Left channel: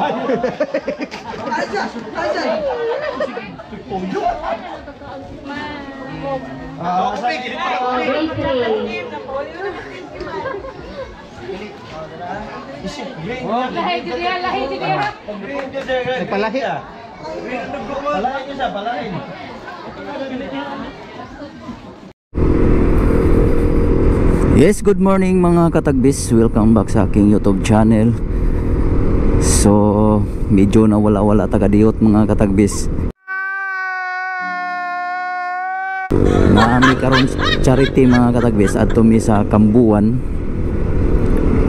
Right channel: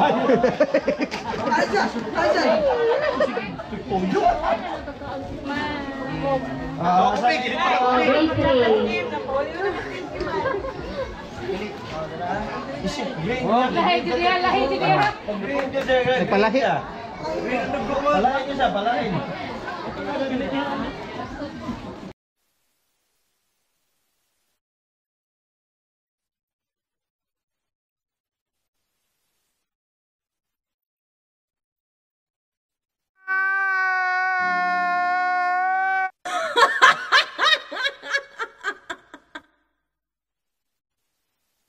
Lahi dia, lahi dia. Palahi. Palahin niya siya, palahin. Yes, good morning mga katagbis. Welcome back sa aking YouTube channel. So, medyo nawala-wala taga-diot mga katagbis. Naami karon charity mga katagbis at tumi sa Kambuan.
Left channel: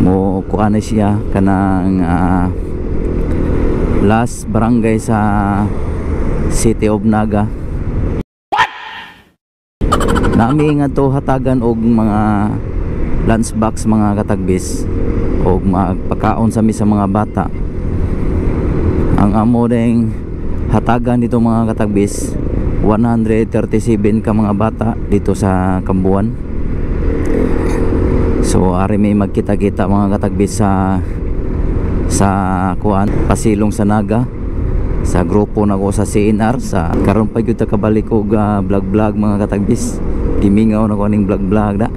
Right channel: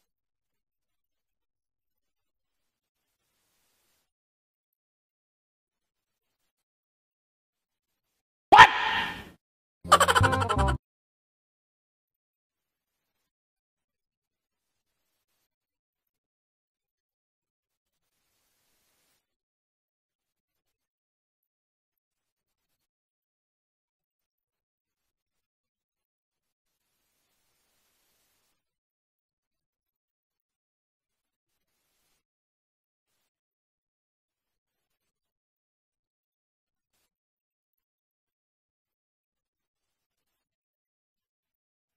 Mo kuana siya kanang last barangay sa City of Naga. Nami nga to hatagan og mga lunchbox mga katagbis o magpakaon sa mga bata. Ang amo ding hatagan dito mga katagbis 137 ka mga bata dito sa Kambuan. So ari may magkita-kita mga katagbis sa kuan pasilong sa Naga sa grupo nako sa CNR sa karon pa gyud ta kabalik og vlog mga katagbis. Gimingaw na ko ning vlog da.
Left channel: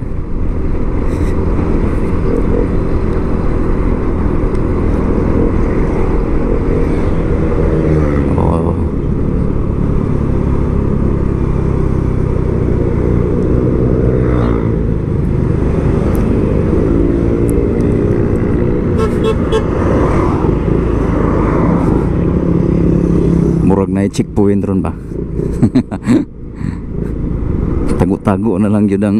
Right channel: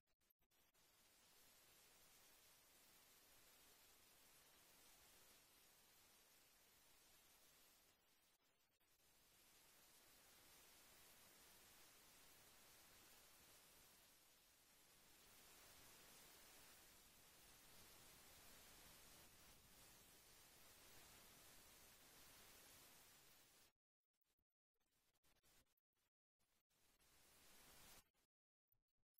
Murag na checkpoint ron ba? Tago-tago na lang yun ang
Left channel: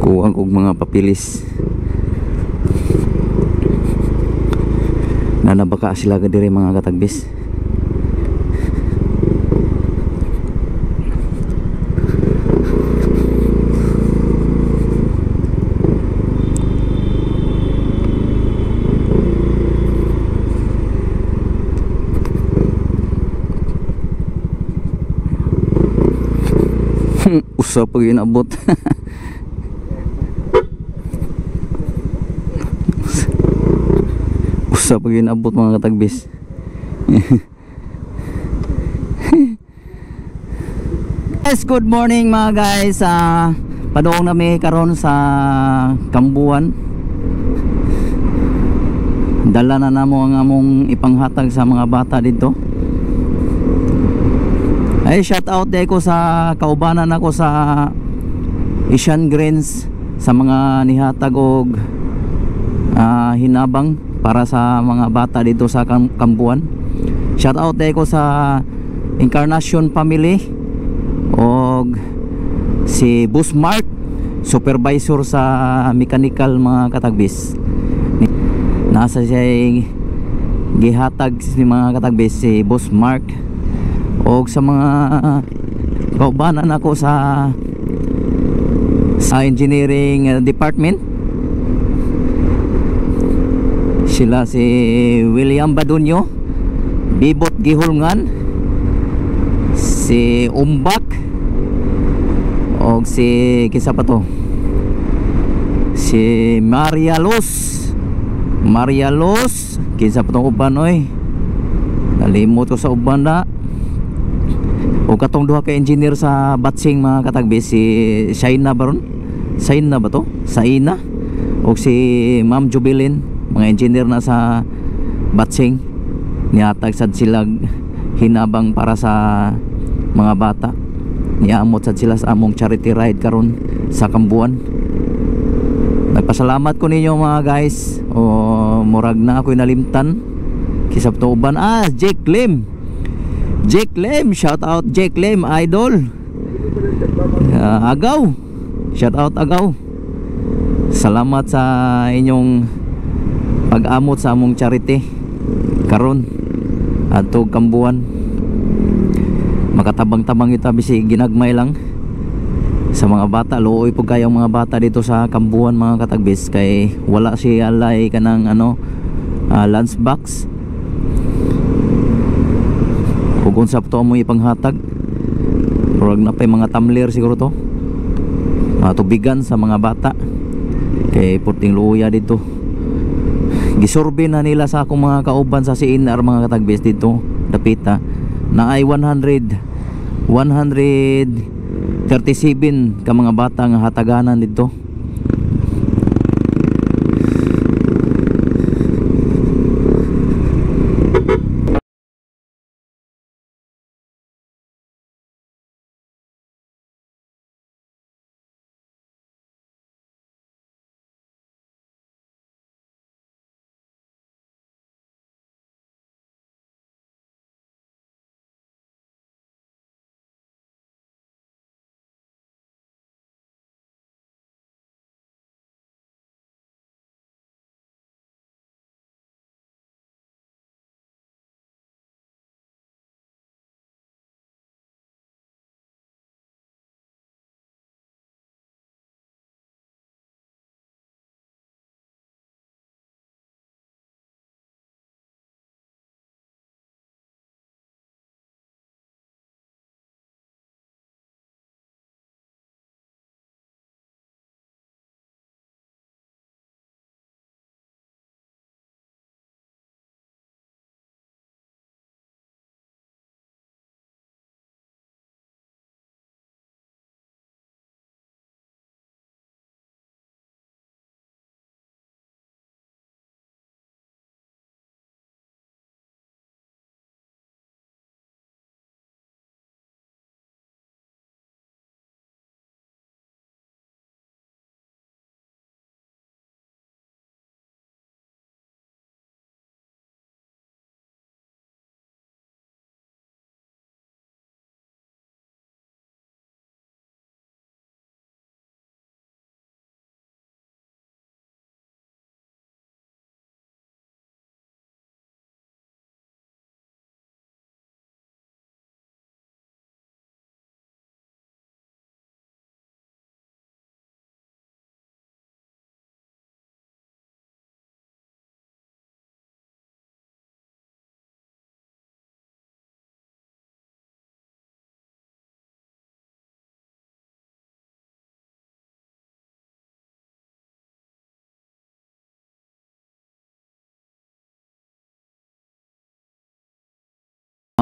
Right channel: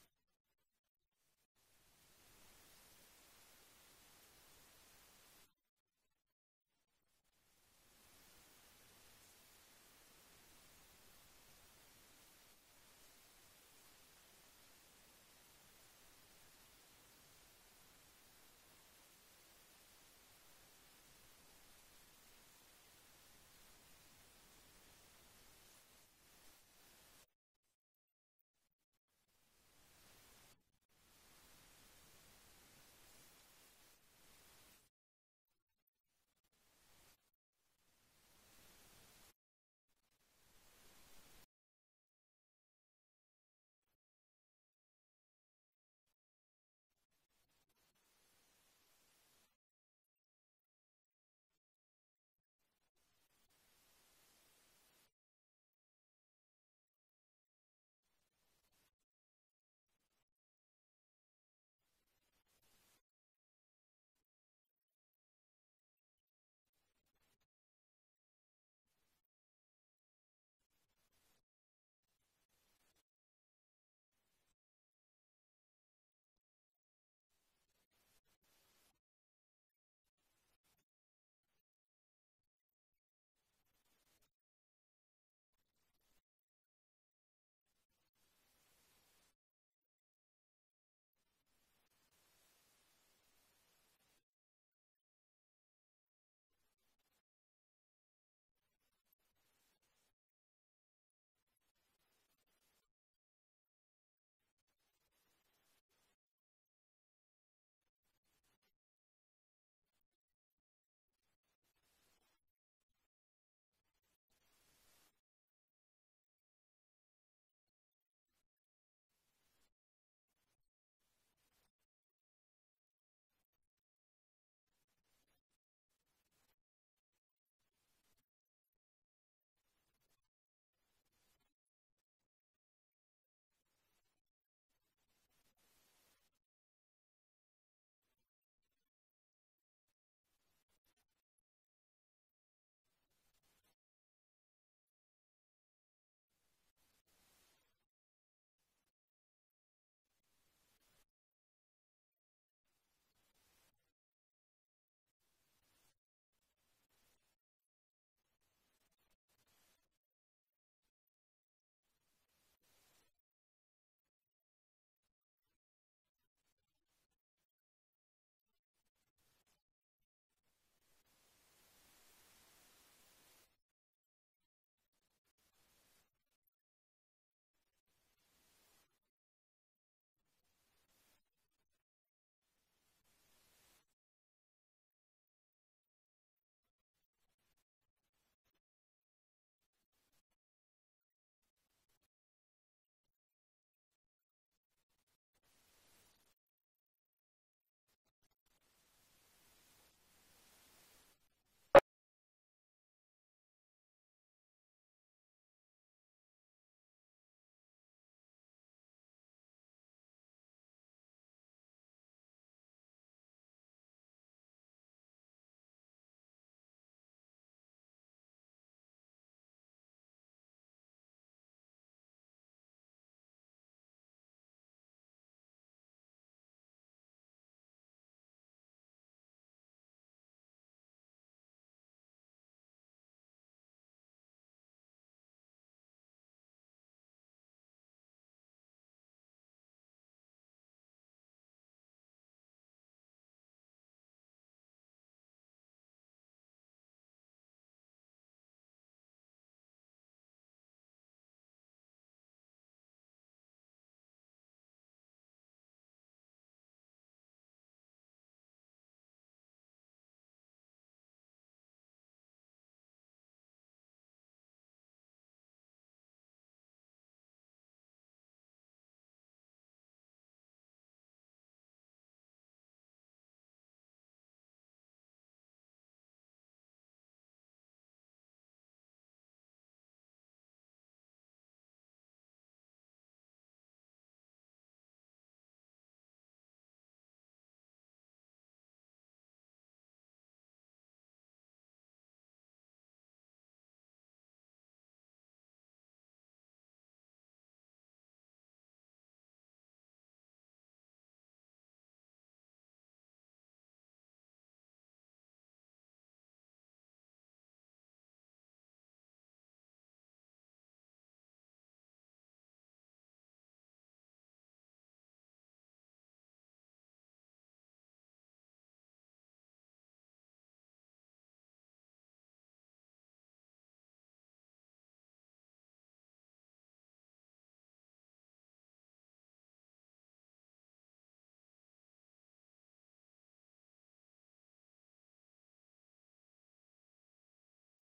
kuwang og mga papilis. Nanabaka sila ka diri mga katagbis. Usa pag inabot. Usa pag inabot mga katagbis. Yes, good morning mga guys. Padung nami karon sa Kambuan. Dala na namo ang among ipanghatag sa mga bata dito. Ay, shout out day ko sa kaubanan ako sa Asian Greens sa mga nihatag og hinabang para sa mga bata dito sa Kambuan. Shout out day ko sa Encarnacion family og si Busmark, supervisor sa mechanical mga katagbis. Nasa siya gihatag si mga katagbis si Busmark og sa mga kaubanan ako sa engineering department. Sila si William Badunyo, Bibot Gihulngan, si Umbak og si kisa pa to, si Maria Luz, kisa pa tong uban oy, nalimot ko sa uban na. O katong duha ka engineer sa Batsing mga katagbis, si Shaina baron, Shaina ba to? Saina o si Ma'am Jubilin, mga engineer na sa Batsing. Nihatag sad sila hinabang para sa mga bata. Niamot sad sila sa among charity ride karon sa Kambuan. Nagpasalamat ko ninyo mga guys. O murag na ako'y nalimtan kisab to uban. Jake Lim, shout out Jake Lim, idol. Agaw, shout out Agaw. Salamat sa inyong pag-amot sa among charity karon adto Kambuan. Makatabang-tabang ita bisig ginagmay lang sa mga bata. Luoy po kayong mga bata dito sa Kambuan mga katagbis kay wala si alay kanang lunchbox. Kung unsap to mo ipanghatag, murag na pay mga tumbler siguro to, mga tubigan sa mga bata kay puting luya dito. gisurvey na nila sa akong mga kauban sa CNR mga katagbis dito dapita na ay 137 ka mga bata nga hataganan dito.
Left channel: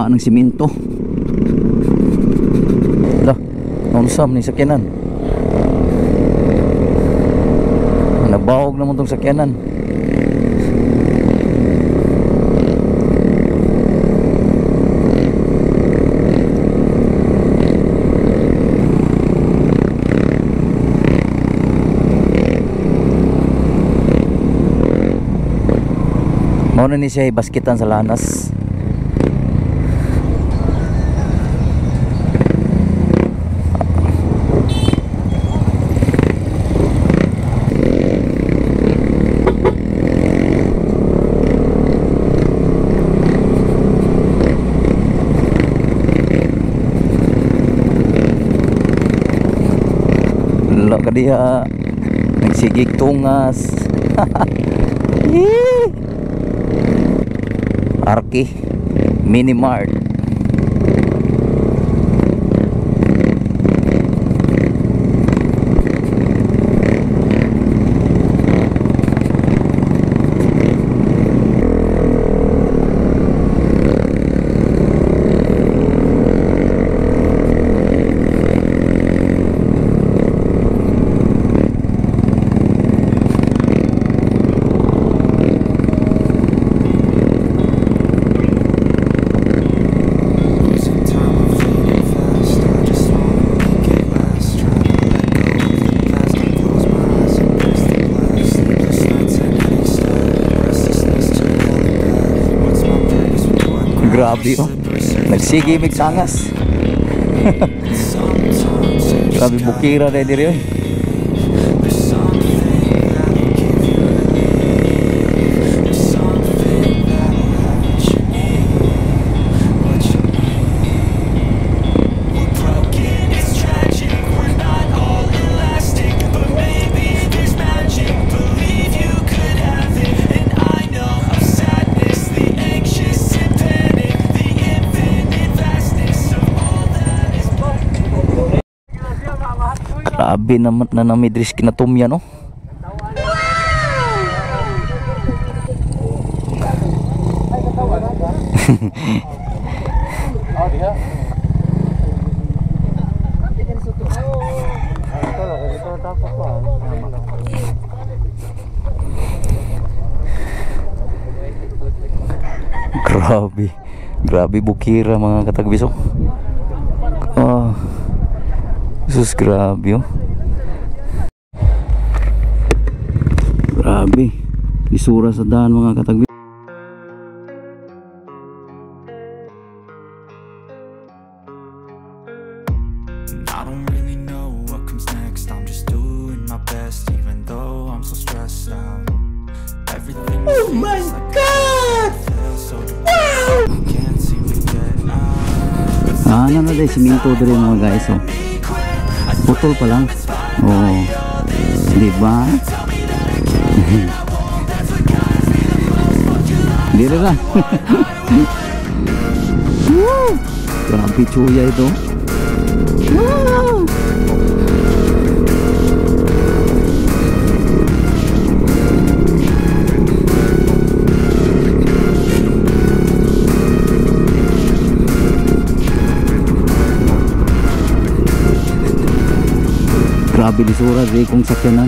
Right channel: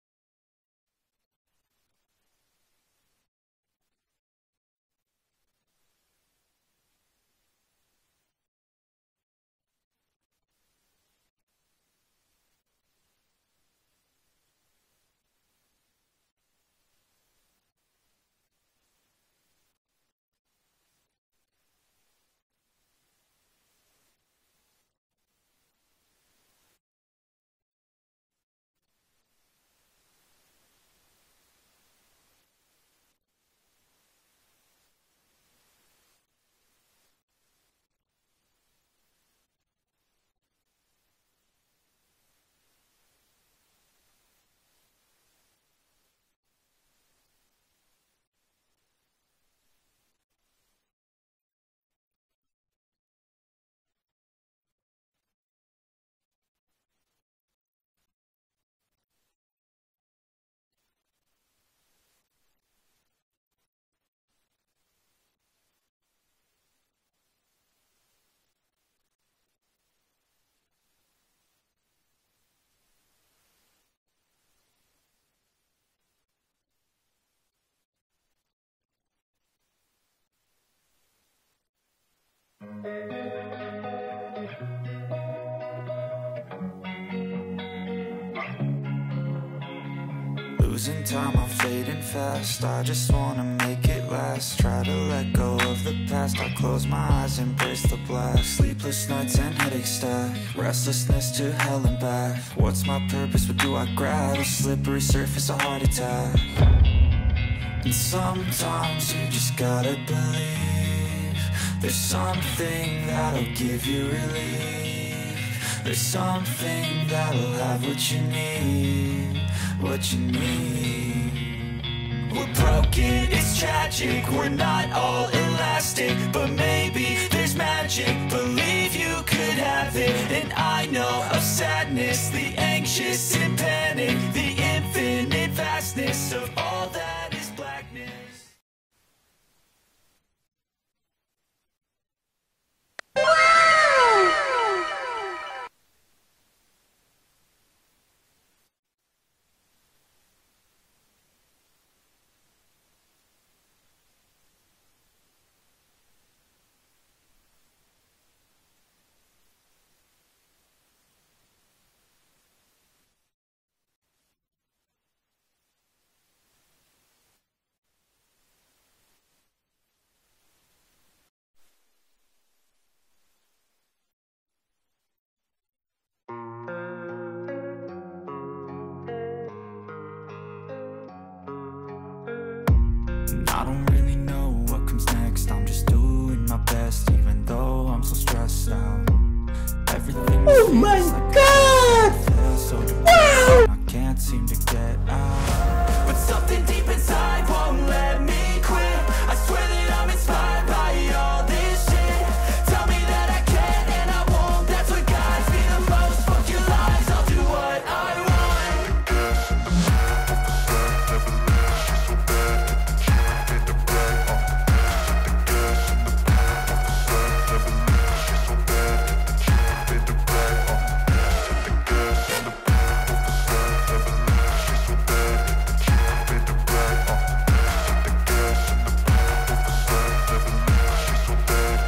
Ng simento. Dah, nausam ni sakyanan. Nabawog naman tong sakyanan. Mao na ni siya basketan sa lanas. Kadiya nagsigig tungas. Arki Mini Mart. Grabe oh. Nagsigi mig sangas. Grabe bukira na diri oh. Grabe naman na namidris kinatumya no. Grabe. Grabe bukira mga katagbiso. Oh. Sus, grabe oh. Grabe. Isura sa daan mga katagbiso. I don't really know what comes next. I'm just doing my best, even though I'm so stressed out. Everything oh my god! So wow! Can't seem to get out. Ano na dahil siminto dito mga guys oh. Putol pa lang. Oh. Diba? Dito ka. Jangan picuya itu. Grabe di surat di kung sakyanan.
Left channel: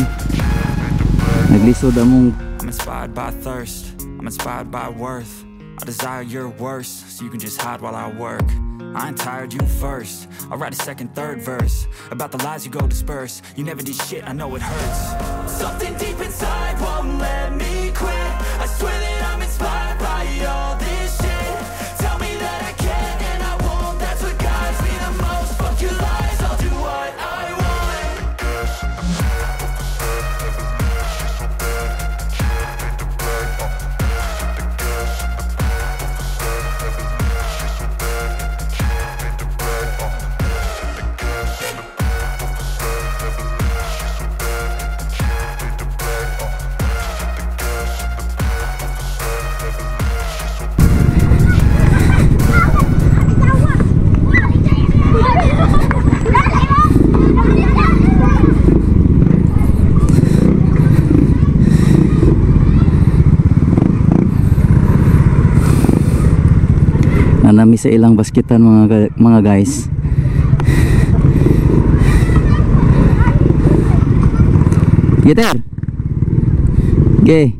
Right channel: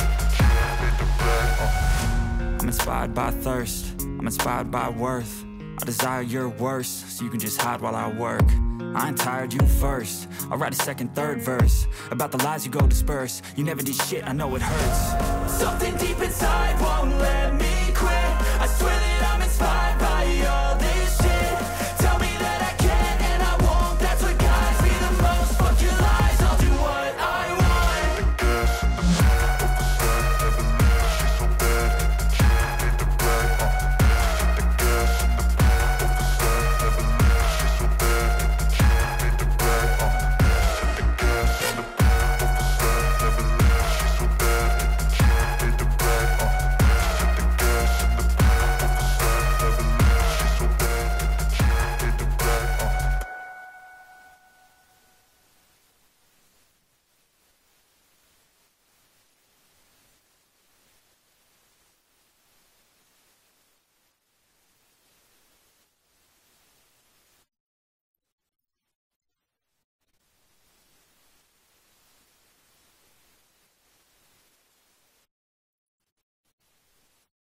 Naglisod among. I'm inspired by thirst. I'm inspired by worth. I desire your worst, so you can just hide while I work. I ain't tired, you first. I'll write a second, third verse about the lies you go disperse. You never did shit, I know it hurts. Something deep inside won't let me quit. I swear that I'm inspired by all this shit. Tell me that I can and I won't. That's what guides me the most. Fuck your lies, I'll do what I want. Nanami sa ilang basketan mga guys. Gitar. Okay.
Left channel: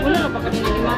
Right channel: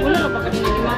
Wala ka pa kanina ni Mama.